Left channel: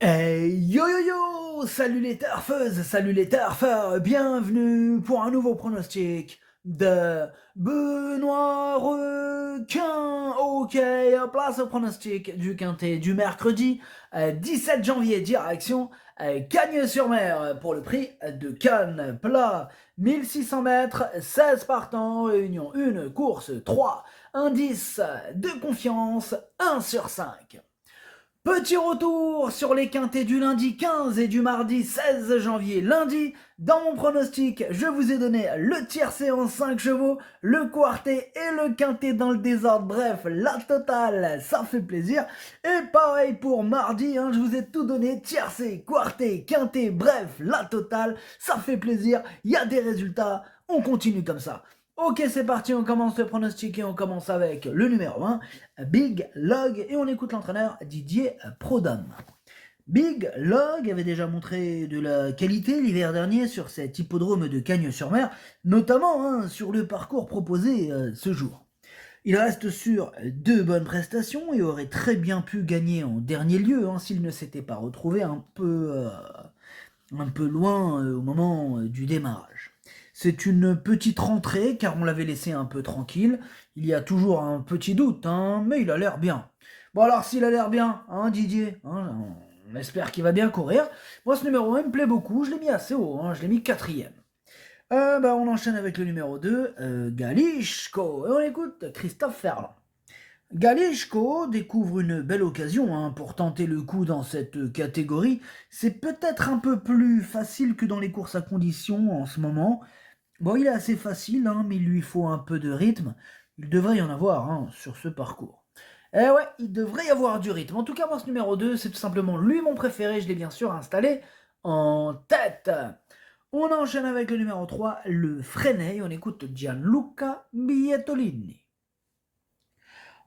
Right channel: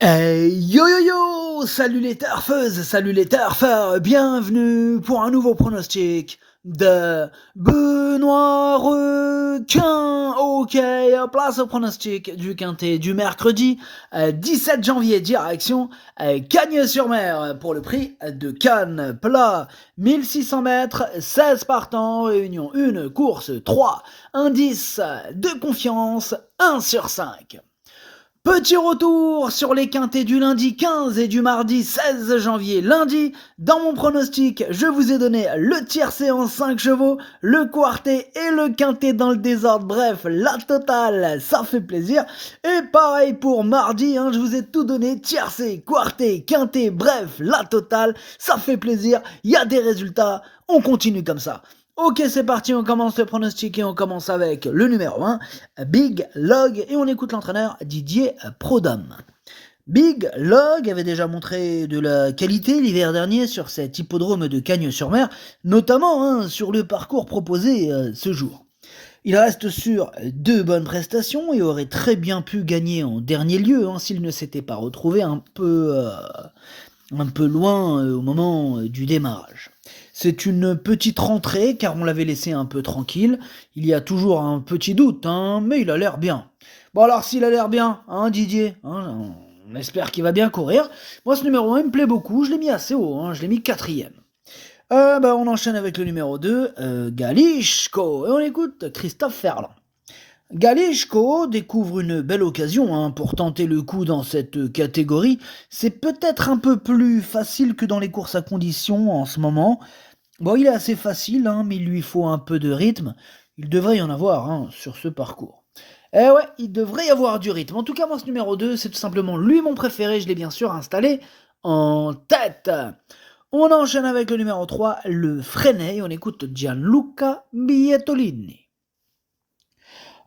Yo yo yo! Salut les turfeuses, salut les turfeurs, bienvenue pour un nouveau pronostic de Benoît Requin. Ok, place au pronostic du quintet du mercredi 17 janvier, direction Cagnes-sur-Mer pour le prix de Cannes plat. 1600 mètres, 16 partants, réunion 1, course 3, indice de confiance 1 sur 5. Petit retour sur les quintets du lundi 15 et du mardi 16 janvier. Lundi, dans mon pronostic, je vous ai donné le tiercé en 5 chevaux, le quartet et le quintet dans le désordre. Bref, la totale, ça fait plaisir. Et pareil pour mardi, je vous ai tout donné, tiercé, quartet, quintet, bref, la totale, ça fait plaisir. Il y a des résultats, on continue comme ça. Ok, c'est parti, on commence le pronostic et on commence avec le numéro 1, Big Log, et on écoute l'entraîneur Didier Prodhomme. Big Log avait déjà montré de la qualité l'hiver dernier sur cet hippodrome de Cagnes-sur-Mer, notamment sur le parcours proposé ce jour. Il reste sur 2 bonnes prestations et aurait très bien pu gagner en dernier lieu s'il ne s'était pas retrouvé un peu loin au moment du démarrage. C'est une petite rentrée car on l'avait laissé un peu tranquille. Il y a toujours un petit doute, mais il a l'air bien. Bon alors s'il a l'air bien, Didier, on espère qu'il va bien courir. Moi ce numéro 1 me plaît beaucoup, je l'ai mis assez haut, je l'ai mis quatrième. On enchaîne avec le numéro 2, Galishko, et on écoute Christophe Ferland. Galishko découvre une belle occasion pour tenter le coup dans cette catégorie. C'est peut-être un peu plus facile que dans les courses à conditions en ce moment. Bon, il est assez facile, mais il lui faut un peu de rythme. Il devrait y en avoir sur ce parcours. Eh ouais, il devrait y avoir du rythme. En tout cas, moi, ce numéro 2, c'est tout simplement lui mon préféré. Je l'ai bien sûr installé en tête. On enchaîne avec le numéro 3, le Freinet. On écoute Gianluca Bietolini.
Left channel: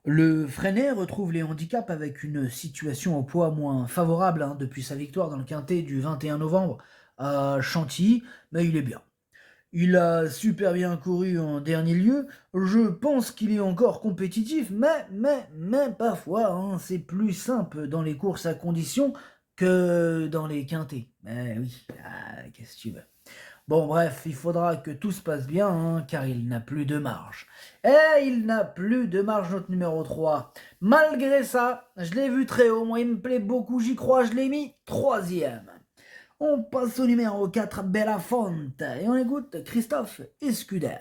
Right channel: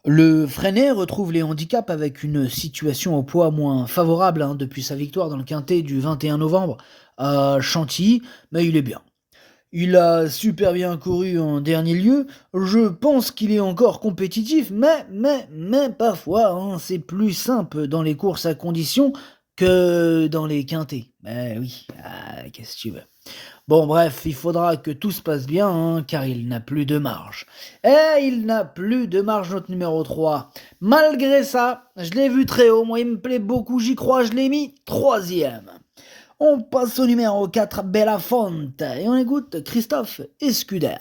Le Freinet retrouve les handicaps avec une situation au poids moins favorable depuis sa victoire dans le quintet du 21 novembre à Chantilly, mais il est bien. Il a super bien couru en dernier lieu. Je pense qu'il est encore compétitif, mais parfois, c'est plus simple dans les courses à conditions que dans les quintets. Mais oui, qu'est-ce que tu veux. Bon, bref, il faudra que tout se passe bien, car il n'a plus de marge. Et il n'a plus de marge, notre numéro 3. Malgré ça, je l'ai vu très haut, moi il me plaît beaucoup, j'y crois, je l'ai mis troisième. On passe au numéro 4, Belafonte, et on écoute Christophe Escuder.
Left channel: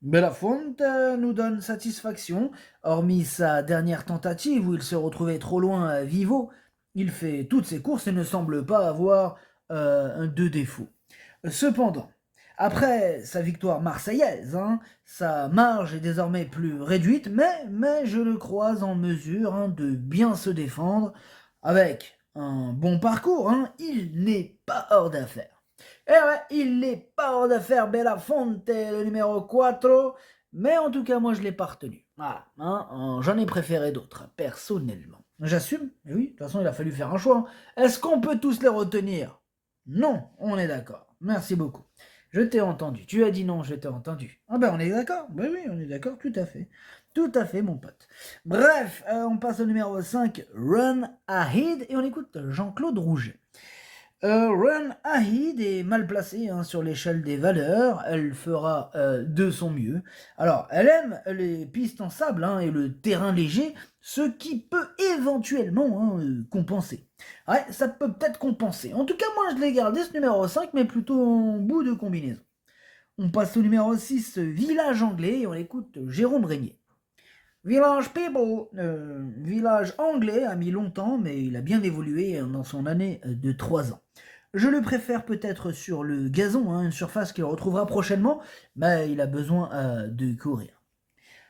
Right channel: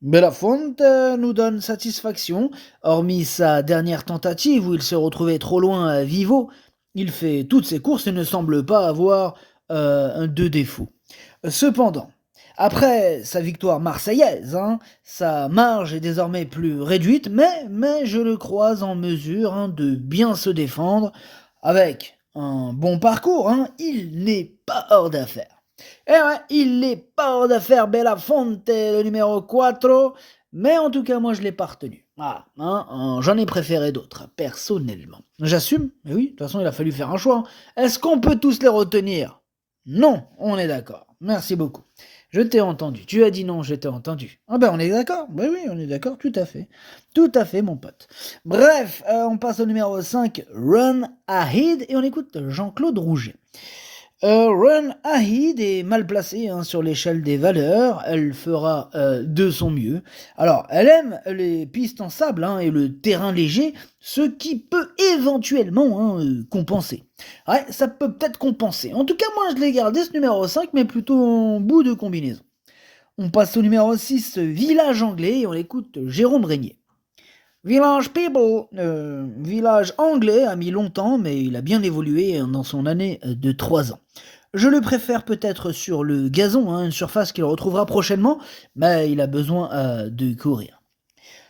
Belafonte nous donne satisfaction, hormis sa dernière tentative où il se retrouvait trop loin à Vivo. Il fait toutes ses courses et ne semble pas avoir de défaut. Cependant, après sa victoire marseillaise, sa marge est désormais plus réduite, mais je le crois en mesure de bien se défendre avec un bon parcours. Il n'est pas hors d'affaire. Et ouais, il n'est pas hors d'affaire Belafonte, le numéro 4, mais en tout cas, moi je l'ai pas retenu. Voilà, j'en ai préféré d'autres, personnellement. J'assume, mais oui, de toute façon, il a fallu faire un choix. Est-ce qu'on peut tous les retenir? Non, on est d'accord. Merci beaucoup. Je t'ai entendu. Tu as dit non, je t'ai entendu. Ah ben on est d'accord. Oui, oui, on est d'accord, tout à fait. Tout à fait, mon pote. Bref, on passe au numéro 5, Run Ahead, et on écoute Jean-Claude Rouget. Run Ahead est mal placée sur l'échelle des valeurs, elle fera de son mieux. Alors, elle aime les pistes en sable et le terrain léger, ce qui peut éventuellement compenser. Ouais, ça peut peut-être compenser. En tout cas, moi je l'ai gardé ce numéro 5, mais plutôt en bout de combinaison. On passe au numéro 6, Village Anglais, et on écoute Jérôme Régnier. Village People, village anglais, a mis longtemps, mais il a bien évolué dans son année de 3 ans. Je le préfère peut-être sur le gazon, une surface qu'il retrouvera prochainement, mais il a besoin de courir.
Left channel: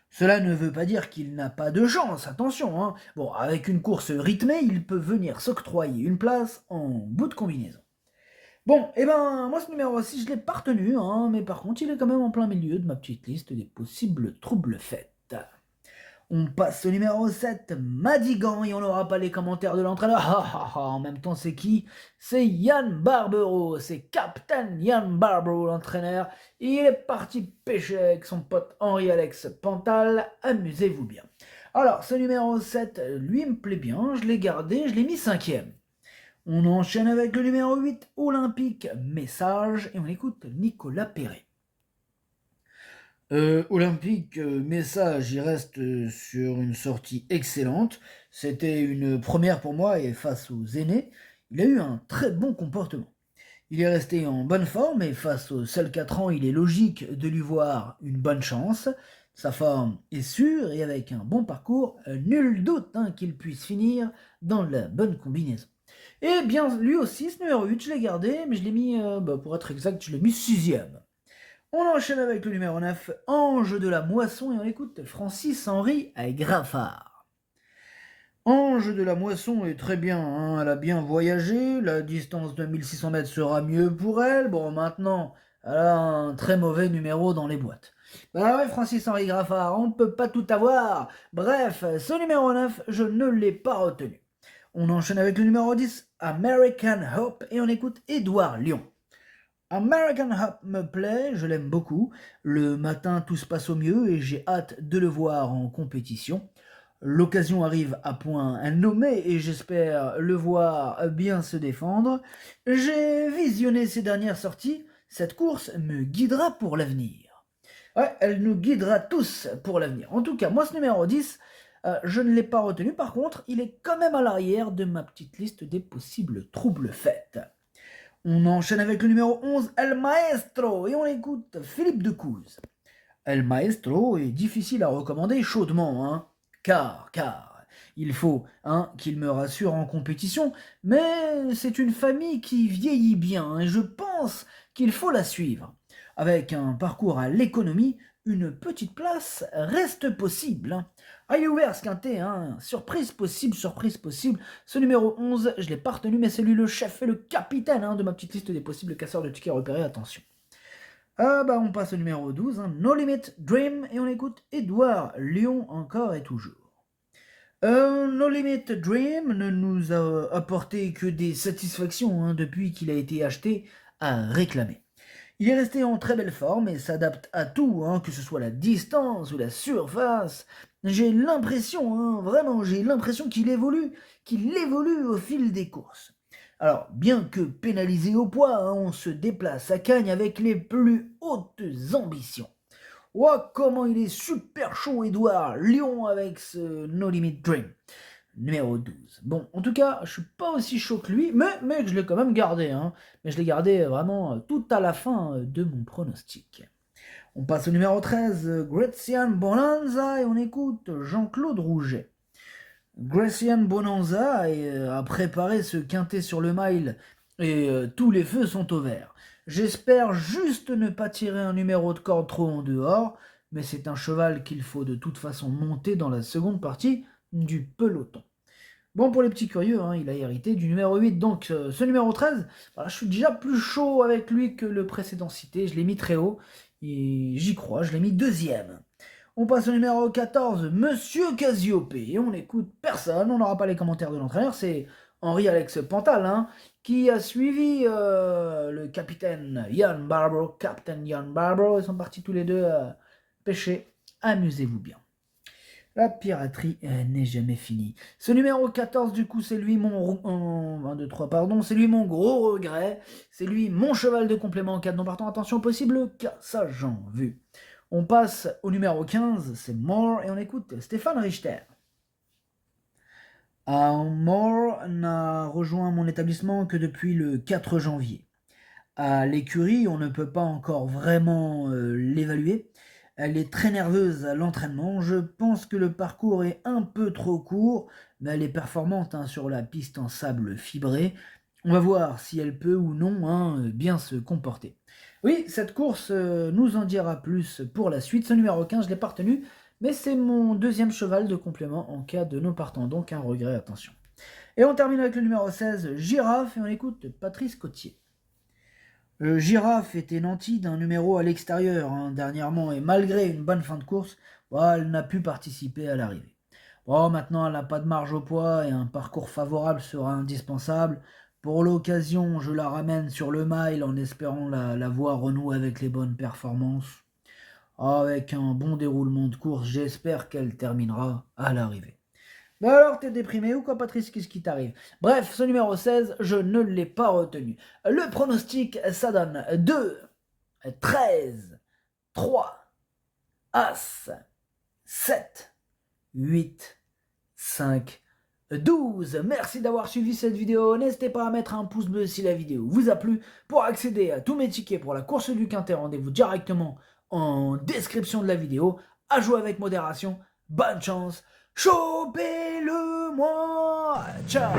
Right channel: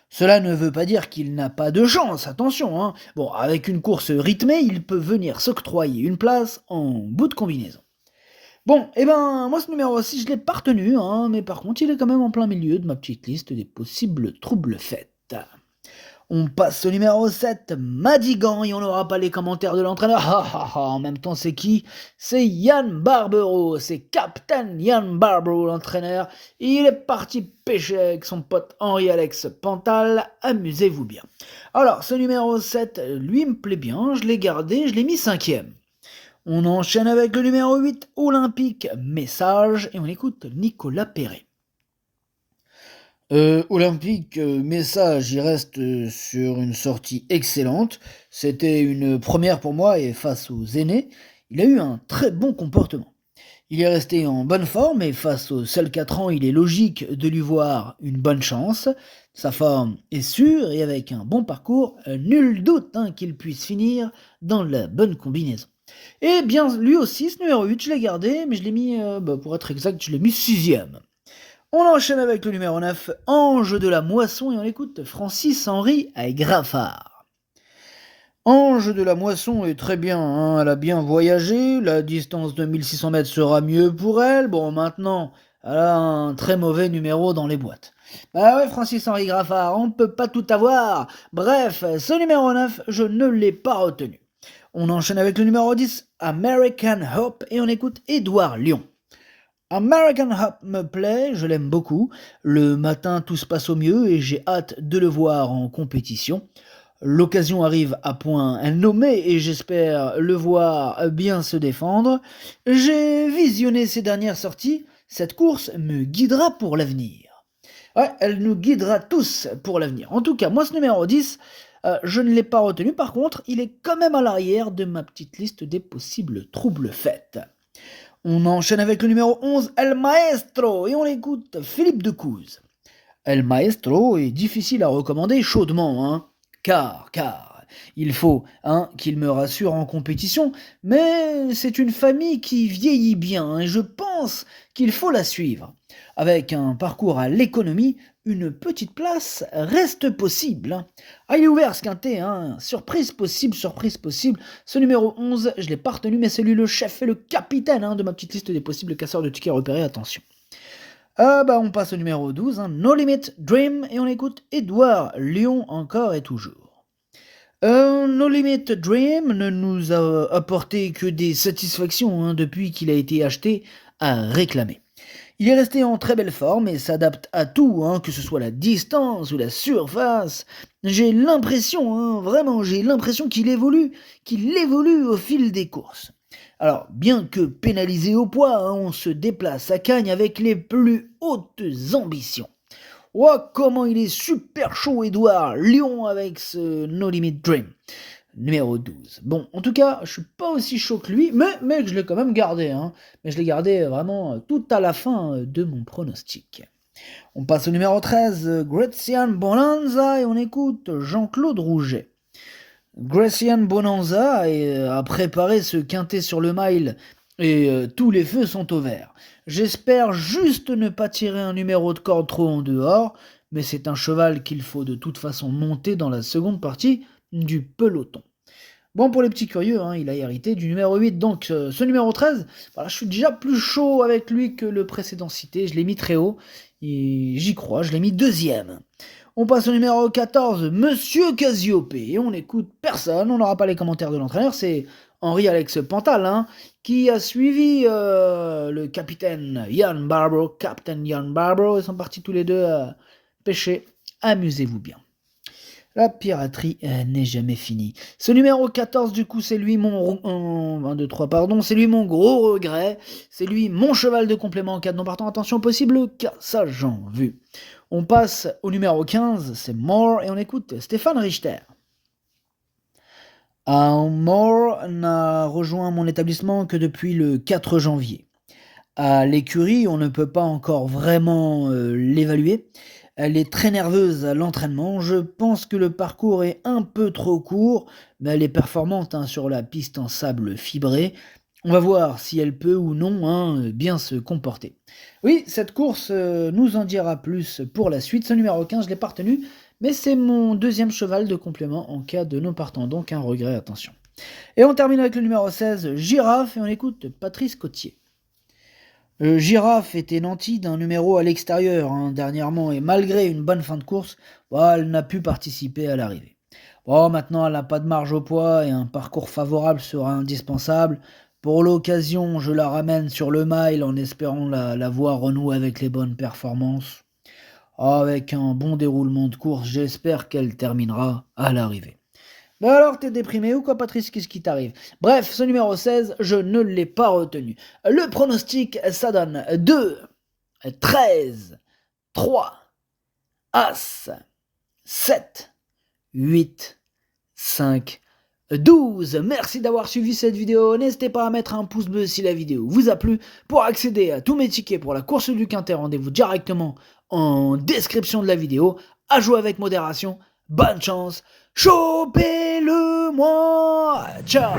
Cela ne veut pas dire qu'il n'a pas de chance, attention. Bon, avec une course rythmée, il peut venir s'octroyer une place en bout de combinaison. Bon, moi ce numéro 6, je l'ai pas retenu, mais par contre, il est quand même en plein milieu de ma petite liste des possibles troubles faits. On passe au numéro 7, Madigan, et on n'aura pas les commentaires de l'entraîneur. En même temps, c'est qui? C'est Yann Barbero, c'est Captain Yann Barbero, l'entraîneur. Il est parti pêcher avec son pote Henri-Alex Pantal. Amusez-vous bien. Alors, ce numéro 7, lui me plaît bien, je l'ai gardé, je l'ai mis cinquième. On enchaîne avec le numéro 8, Olympique Message, et on écoute Nicolas Perret. Olympique Message, il reste sur une sortie excellente. C'était une première pour moi et face aux aînés, il a eu un très bon comportement. Il est resté en bonne forme et face aux seuls 4 ans, il est logique de lui voir une bonne chance. Sa forme est sûre et avec un bon parcours, nul doute qu'il puisse finir dans la bonne combinaison. Et bien, lui aussi, ce numéro 8, je l'ai gardé, mais je l'ai mis, pour être exact, je l'ai mis sixième. On enchaîne avec le numéro 9, Ange de la Moisson, et on écoute Francis-Henri Graffard. Ange de la Moisson est très bien, elle a bien voyagé, la distance de 1600 mètres sera mieux pour elle. Bon, maintenant, elle a un très mauvais numéro dans les boîtes. Bah ouais, Francis-Henri Graffard, on ne peut pas tout avoir. Bref, ce numéro 9, je ne l'ai pas retenu. On enchaîne avec le numéro 10, American Hope, et on écoute Édouard Lyon. American Hop me plaît, je l'aime beaucoup. Le matin, tout se passe au mieux et j'ai hâte de le voir en compétition. L'occasion arrive à point nommé et j'espère le voir bien se défendre. J'ai visionné ses dernières sorties. Cette course me guidera pour l'avenir. Ouais, elle nous guidera tous pour l'avenir. En tout cas, moi, ce numéro 10, je ne l'ai pas retenu. Par contre, il est quand même à l'arrière de ma petite liste des possibles troubles faits. On enchaîne avec le numéro 11, El Maestro, et on écoute Philippe Decouze. El Maestro est difficile à recommander chaudement, car il faut qu'il me rassure en compétition, mais c'est une famille qui vieillit bien et je pense qu'il faut la suivre. Avec un parcours à l'économie, une petite place reste possible. Ah, il est ouvert ce quintet, surprise possible, surprise possible. Ce numéro 11, je l'ai pas retenu, mais c'est lui le chef et le capitaine de ma petite liste des possibles casseurs de tickets repérés, attention. On passe au numéro 12, No Limit Dream, et on écoute Édouard Lyon encore et toujours. No Limit Dream ne nous a apporté que des satisfactions depuis qu'il a été acheté à réclamer. Il est resté en très belle forme et s'adapte à tout, que ce soit la distance ou la surface. J'ai l'impression, vraiment, j'ai l'impression qu'il évolue au fil des courses. Alors, bien que pénalisé au poids, on se déplace à Cagnes avec les plus hautes ambitions. Oh, comment il est super chaud, Edouard Lyon, avec ce No Limit Dream. Numéro 12. Bon, en tout cas, je suis pas aussi chaud que lui, mais je l'ai quand même gardé. Mais je l'ai gardé vraiment tout à la fin de mon pronostic. On passe au numéro 13, Gracian Bonanza, et on écoute Jean-Claude Rouget. Gracian Bonanza a préparé ce quintet sur le mile et tous les feux sont au vert. J'espère juste ne pas tirer un numéro de corde trop en dehors, mais c'est un cheval qu'il faut de toute façon monter dans la seconde partie du peloton. Bon, pour les petits curieux, il a hérité du numéro 8, donc ce numéro 13, voilà, je suis déjà plus chaud avec lui que le précédent cité, je l'ai mis très haut, et j'y crois, je l'ai mis deuxième. On passe au numéro 14, Monsieur Cassiopée, et on n'écoute personne, on n'aura pas les commentaires de l'entraîneur, c'est Henri-Alex Pantal, qui a suivi le capitaine Ian Barbro, Captain Ian Barbro, ils sont partis tous les deux pêcher, amusez-vous bien. La piraterie n'est jamais finie. Ce numéro 14, du coup, c'est lui mon... 1, 2, 3, pardon. C'est lui mon gros regret. C'est lui mon cheval de complément en cas de non partant. Attention, possible cassage en vue. On passe au numéro 15, c'est More, et on écoute Stéphane Richter. More n'a rejoint mon établissement que depuis le 4 janvier. À l'écurie, on ne peut pas encore vraiment l'évaluer. Elle est très nerveuse à l'entraînement. Je pense que le parcours est un peu trop court, mais elle est performante sur la piste en sable fibré. On va voir si elle peut ou non bien se comporter. Oui, cette course nous en dira plus pour la suite. Ce numéro 15, je ne l'ai pas retenu, mais c'est mon deuxième cheval de complément en cas de non partant, donc un regret, attention. Et on termine avec le numéro 16, Girafe, et on écoute Patrice Cotier. Girafe était nantie d'un numéro à l'extérieur dernièrement et malgré une bonne fin de course, elle n'a pu participer à l'arrivée. Bon, maintenant elle n'a pas de marge au poids et un parcours favorable sera indispensable. Pour l'occasion, je la ramène sur le mile en espérant la voir renouer avec les bonnes performances. Avec un bon déroulement de course, j'espère qu'elle terminera à l'arrivée. Bon alors, t'es déprimé ou quoi, Patrice? Qu'est-ce qui t'arrive? Bref, ce numéro 16, je ne l'ai pas retenu. Le pronostic, ça donne 2, 13, 3, As, 7, 8, 5, 12. Merci d'avoir suivi cette vidéo. N'hésitez pas à mettre un pouce bleu si la vidéo vous a plu. Pour accéder à tous mes tickets pour la course du Quintet, rendez-vous directement en description de la vidéo. À jouer avec modération. Bonne chance. Chopez-le moi. Ciao.